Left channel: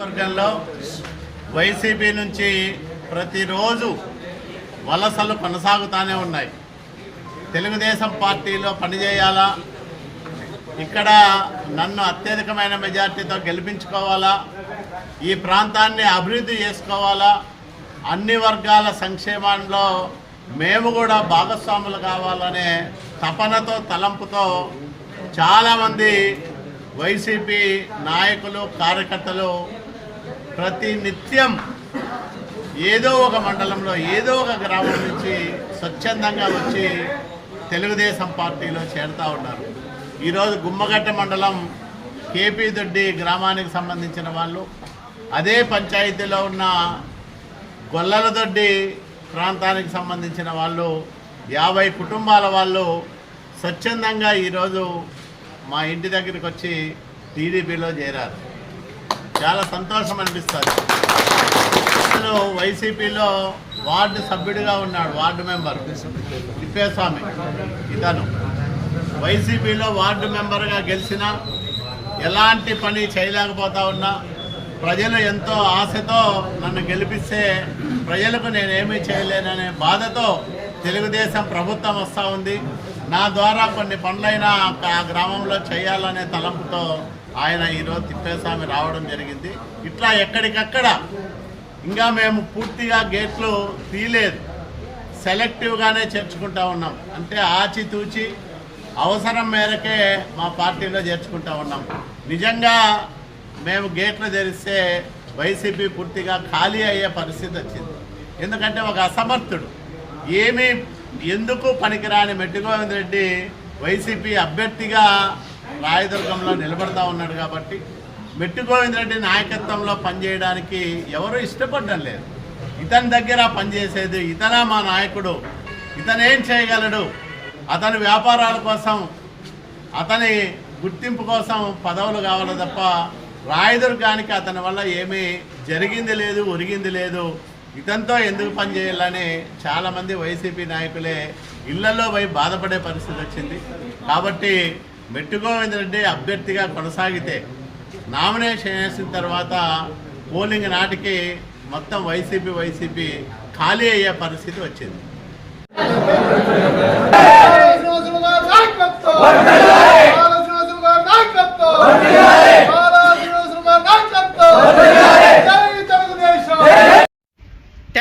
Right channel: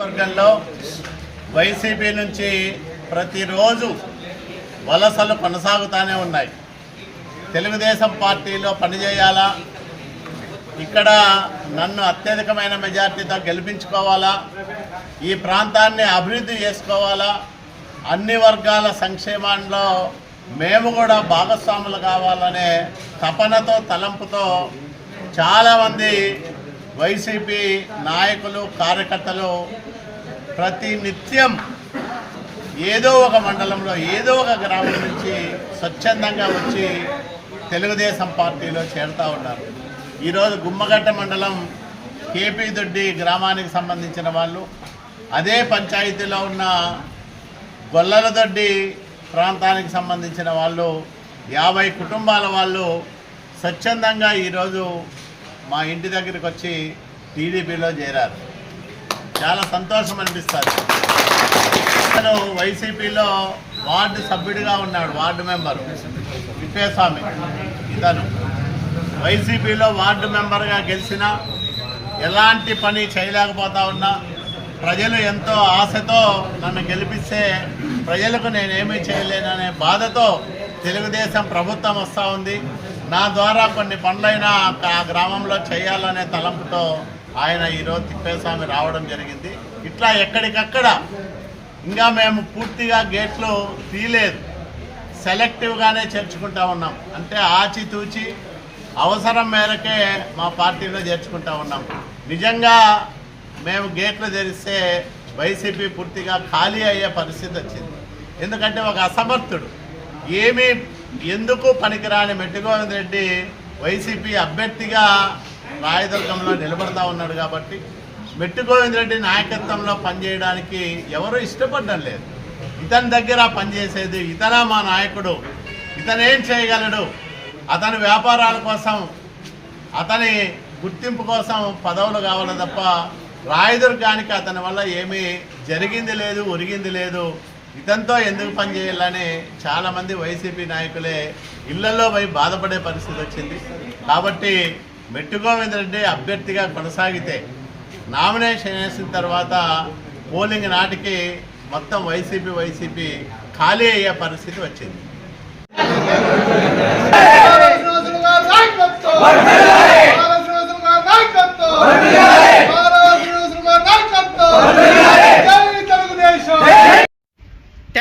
వర్గంలో వైసీపీ నుంచి ప్రతిరోజు వలసలు కొనసాగుతూనే ఉన్నాయి. తెలుగుదేశం పార్టీలో పనిచేయాలా? ఇక్కడ నన్ను అత్యధికమైన మెజార్టీతో గెలిపించుకోవాలా? ఈ ప్రాంతాన్ని అభివృద్ధి చేసుకోవాలా? అన్ని వర్గాల సంక్షేమంలో మేము కూడా భాగస్వాములు కావాలనే తపనతో తలంపుతో చాలామంది వైసీపీ నాయకులు కార్యకర్తలు ప్రతి నిత్యం ఏదో ఒక మండలంలో ఏదో ఒక గ్రామం నుంచి స్వచ్ఛందంగా వచ్చి తెలుగుదేశం పార్టీలో చేరుతూ ఉన్నారు. ఈరోజు గుమ్మగట్ట మండలం కేపీ దొడ్డి గ్రామానికి సంబంధించిన వాళ్ళు అదే పంచాయతీలో ఉన్న గొల్లలదొడ్డి ప్రాంతానికి సంబంధించిన వాళ్ళు యాభై కుటుంబాల వాళ్ళు స్వచ్ఛందంగా ఈరోజు మా ఇంటి దగ్గరికి వచ్చి టీడీపీలో చేరారు. చాలా సంతోషం అనిపిస్తుంది. అతను వైసీపీలో వార్డు సభ్యుడిగా ఉన్నాడు వార్డు మెంబర్ తిప్పేస్వామి ఇతను. వైసీపీలో వార్డు మెంబర్గా గెలిచిన ఎలాంటి పని చేయలేకపోతా ఉన్నా ప్రజలు ఎంతో ఆశతో నన్ను గెలిపిస్తే ప్రజలకు నేనేమీ చేయలేననే బాధతో తెలుగుదేశం ప్రభుత్వం వస్తూ ఉంది. నా ద్వారా కొన్ని పనులైనా ఆ గ్రామంలో చేయాలనే తలంపుతో ఆయన ఈరోజు తిప్పేస్వామి రావడం జరిగింది. ఇట్లా ఎక్కడికక్కడ ఇంకా మేము పూర్తిగా గేట్లు తీయలేదు. సెలెక్టివ్గానే చేర్చుకుంటా ఉన్నాం. అంటే ఆచితూచి అవసరం మేరకే మా పార్టీలో చేర్చుకుంటా ఉన్నాం. నిజంగా మేము గేట్లు తెరిస్తే వైసీపీ పూర్తిగా ఖాళీ అయ్యే పరిస్థితి వచ్చింది. ఎందుకంటే ఒక అసమర్థుడు. ఏమీ ఎందుకు పనికిరాని మెట్టుగోవింద్ రెడ్డి వైసీపీ అభ్యర్థిగా రాయదుర్గంలో నిలబడతా ఉన్నాడు కాబట్టి మెట్టుగోవింద్ రెడ్డి నాయకత్వంలో పనిచేయడానికి ఎవరు ఇష్టపడడం లేదు. ఇతని దగ్గర పనిచేసేది ఇతన మా నాయకుడు. ఇతనేం చేయగలడు? అతని వ్యాపారాల కోసం అతని గుర్తింపు కోసం పదవులు కావాలి తప్ప రాయదుర్గానికి అతని వల్ల ఏమీ జరిగింది లేదు ఒరిగింది లేదు. ఇతనితో ఎందుకు పనిచేయాలని చాలామంది వైసీపీ నాయకులే ఇళ్ళలో పోయి బాధపడే పరిస్థితి వచ్చింది. కాబట్టి మెట్టుగోవింద రెడ్డి అభ్యర్థిగా కొనసాగితే నామినేషన్ వేసిన తర్వాత పోలింగ్ నాటికి మొత్తం వైసీపీ వైసీపీ ఖాళీ అయ్యే పరిస్థితి వచ్చింది.